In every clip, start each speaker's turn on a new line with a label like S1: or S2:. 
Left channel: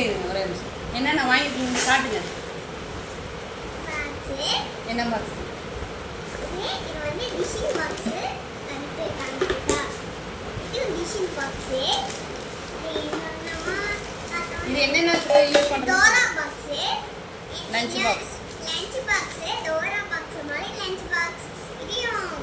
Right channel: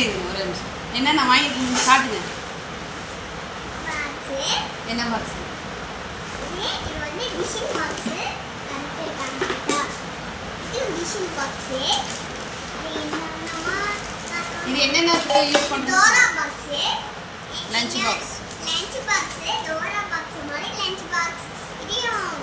S1: இருங்க ஒரே நிமிஷம். என்னென்ன வாங்கிருக்கீங்க காட்டுங்க. என்ன பாக்ஸ்?
S2: இது வந்து டிஷிங் பாக்ஸ். கரெக்ட்டா காமிச்சா. இது டிஷிங் பாக்ஸ்.
S1: இது என்னென்ன யூஸ் பண்றீங்க?
S2: Dora box.
S1: Lunch box.
S2: Lunch box. Dora box மாதிரி லஞ்ச் பாக்ஸ். இதையும்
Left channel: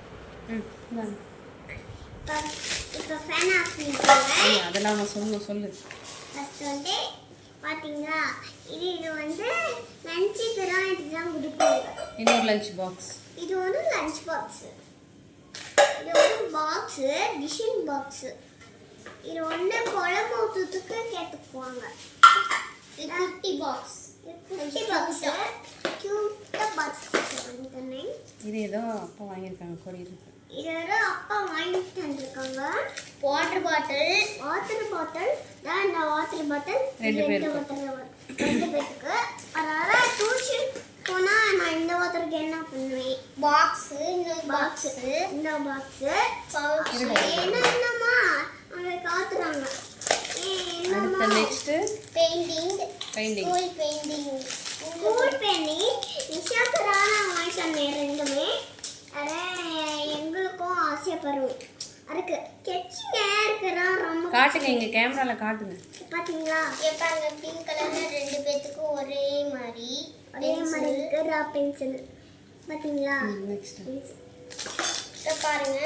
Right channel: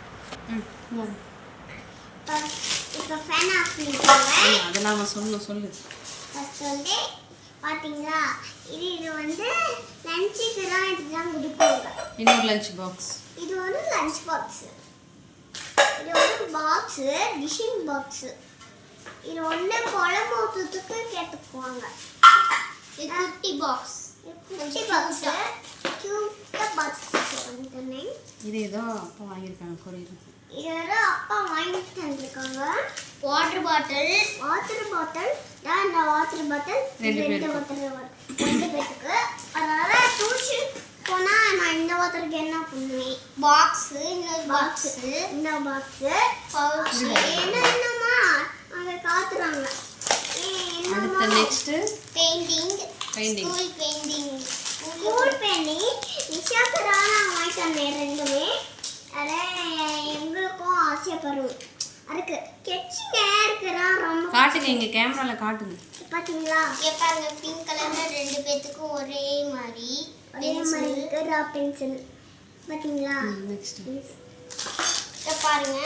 S2: இப்போ ஃபேன் ஆஃப் பண்ணிக்கோங்க.
S1: அதெல்லாம் சொல்லு.
S2: ஃபர்ஸ்ட் வந்து பாத்தீங்களா இது வந்து லஞ்சுக்கு தான் இதுதான் கொடுப்பாங்க.
S1: இன்னொரு லஞ்ச் பாக்ஸ்.
S2: இது வந்து லஞ்ச் பாக்ஸ். இது வந்து பாக்ஸ் டிஷிங் பாக்ஸ். இது வந்து குழம்பு ஊத்துறதுக்கு கேட்டுக்குவாங்க. இது குட்டி பாக்ஸ். குட்டி பாக்ஸ். கியூட்டா பாக்ஸ் வந்து
S1: இது ஏதோ அப்பா வாங்கியிருக்காங்க கொரியர்.
S2: இது அப்பா வாங்கிட்டு வந்திருக்காங்க. வாட்டர் பாட்டில் தான். இந்த வாட்டர் பாட்டில் ரெண்டு பேருக்கு. அதனால டியூஷன் போனா நான் இந்த வாட்டருக்கு என்ன பண்ணுவேன்? பாக்ஸ் இந்த பாக்ஸ் என்னமா அங்க காத்துறாங்க.
S1: அடுத்து நெக்ஸ்ட்
S2: பெயிண்டிங். ஸ்கூல் பெயிண்டிங் நிஷாக்கரான வாங்கிட்டு வந்தேன் ரெண்டுமே. எங்களுக்கும் ஆசைப்படுறோம். அதுக்கு கெச்சிங்க இருக்கிறான் ரொம்ப.
S1: காட்டுங்க, இங்க கேமரால காட்டுங்க.
S2: பாத்தீங்களா? பாருங்க பிங்க் கலர்ல ரெண்டு பேத்துக்கும் ஒரே மாதிரி இருக்கிற பென்சில். பாத்தீங்களா?
S1: நெக்ஸ்ட்
S2: பாருங்க.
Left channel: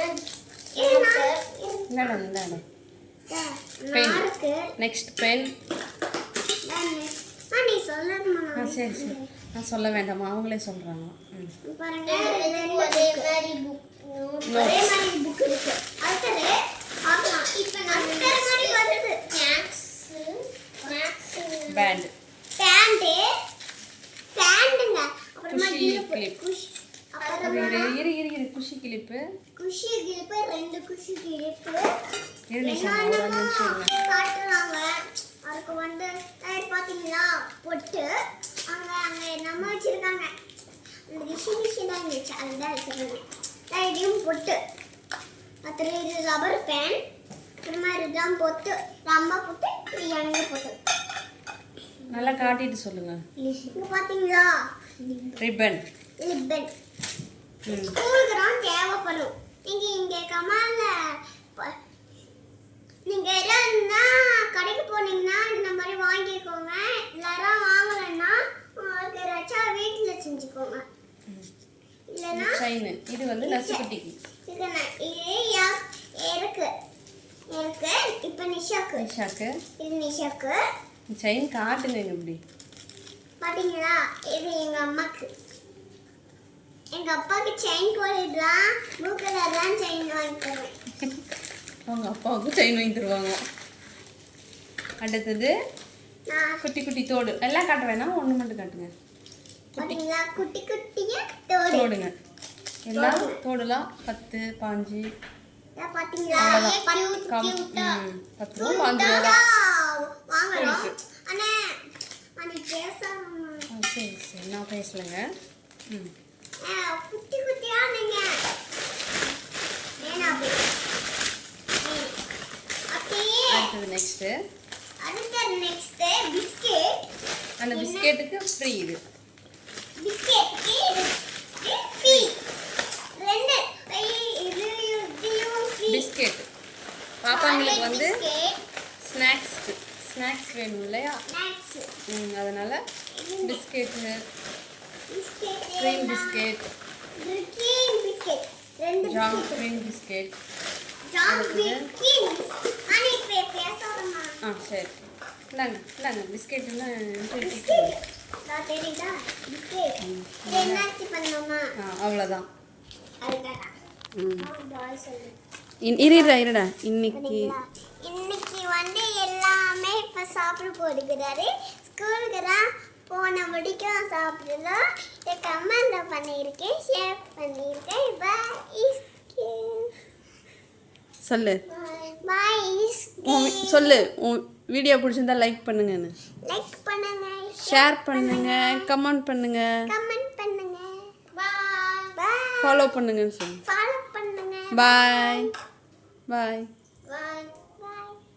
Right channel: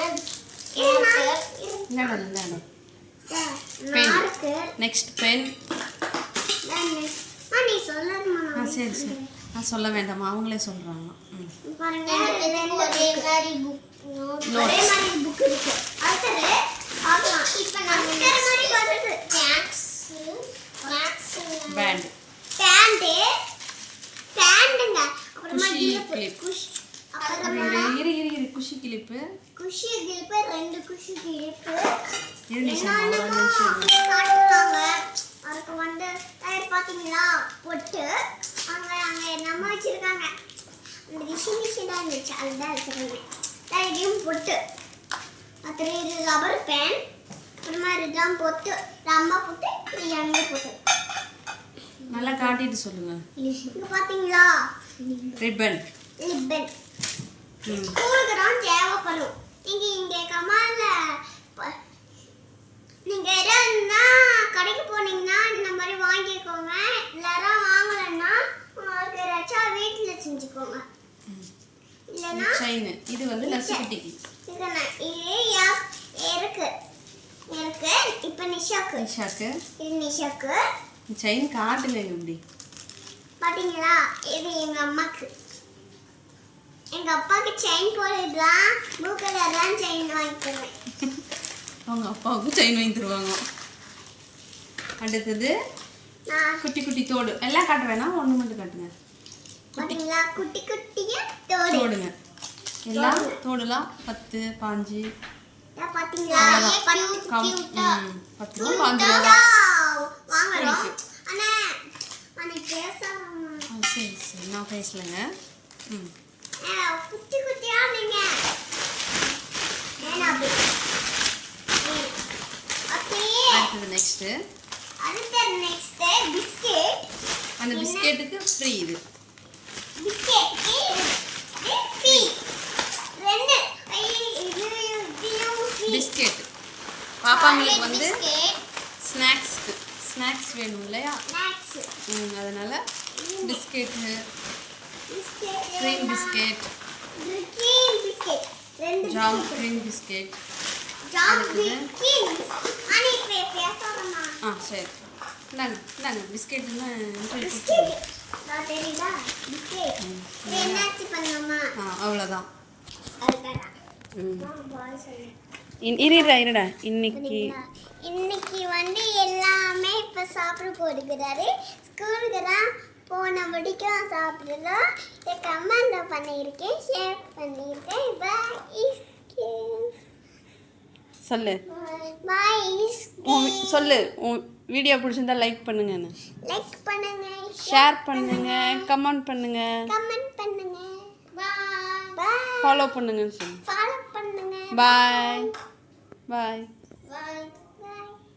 S1: இந்தாங்க. பென். Next pen.
S2: நீ சொல்லணுமா?
S1: சரி நான் சொல்ல வேண்டாமா, அவங்களே சொல்றாங்க.
S2: பாருங்க ஒரே மாதிரி புக் இருக்கு. அடுத்து ஆமா இப்போ நான் இந்த மாதிரி வருது. மேக்ஸ்
S1: பேண்டுங்க.
S2: அப்புறமா
S1: கிளிப். குஷி கிளிப்பு. ரெண்டு குஷி கிளிப்பு. காட்டுறாங்க. அதுக்கு வந்து பாத்தீங்களா பொட்டு அங்க நம்ம வச்சிருக்காங்க. அந்த விஷயம் இருந்துச்சு அதுதான் வச்சிருக்காங்க. இதையும் பொட்டு. அப்புறம் இது ரப்பர் பேன். அப்புறமா இதுதான் பொட்டு. அம்மா பொட்டு. இது எங்க பொட்டு. நல்லா காட்டிட்டு சொல்லுங்க.
S2: இங்க பாத்தீங்களா
S1: ரிப்பன்.
S2: ஸ்கூலுக்கு தான் தேவைப்படும். நீங்க இங்க கமால்ல நீங்க எதனா கடைக்கு போனீங்கன்னா இந்த மாதிரி வாங்கிக்கோங்க. இல்லைன்னா வாங்கலைன்னா உங்களுக்கு ரச்சா வீட்டில் செஞ்சுக்கோங்க. இல்லைன்னா
S1: செயின். இது வந்து நசுக்குட்டிக்கு.
S2: இருக்கு இப்போ நிஷாக்கு. இது நிஷாக்கு.
S1: செயின் காட்டுங்க இப்படி.
S2: பாத்தீங்களா? இது எங்க அம்மாக்கு. எங்க அப்பாவுக்கு செயின் போடுறதுதான் ப்ளூ கலர் தான் செயின் வாங்கி தருவேன்.
S1: அவங்க அப்பாவுக்கும் செயின் வாங்கி தருவாங்க. அடுத்தது குட்டி குட்டி தோடு. எல்லாம் காட்ட வேணாம், ஒன்று மட்டும் காட்டுங்க.
S2: குட்டி குட்டிய
S1: தோடுங்க. எல்லாம் தோடுலாம் 10 5
S2: பாத்தீங்களா?
S1: 10 ரூபா 5 ரூபா
S2: வாங்குறோம். அண்ணா அன்னைக்கு பேசணும்.
S1: சரி நான் பேசலங்க.
S2: குட்டி குட்டியா நீங்க
S1: அடுத்தது நெக்ஸ்ட்
S2: பிஸ்கெட்.
S1: அந்த பிஸ்கெட்டுக்கு ஃப்ரீ. இது பிஸ்கெட் பாப்பாங்களுக்கு வந்து ஸ்நாக்ஸ் வேணும் இல்லையா? அதனால biscuit, cream biscuit, jam cream biscuit. அடுத்தது சரி இந்தாங்க பிஸ்கெட்டுன்னா அவ்வளோதான். இருடா இன்னைக்கு
S2: வந்து எல்லாமே இப்போ சாப்பிட போடுகிறாரு. ஸ்கூலுக்கு தான் போன வரைக்கும் சாப்பிடுறோம். கமெண்ட் பண்ணியிருக்கேன், ஷேர் பண்ணியிருக்கேன்.
S1: சொல்லு சொல்லு. வீடியோ பிடிச்சிருந்தா லைக் பண்ணுங்க, ஷேர் பண்ணுங்க, கமெண்ட் பண்ணுங்க, ஃபாலோ பண்ணுங்கன்னு சொல்லு. பாய்.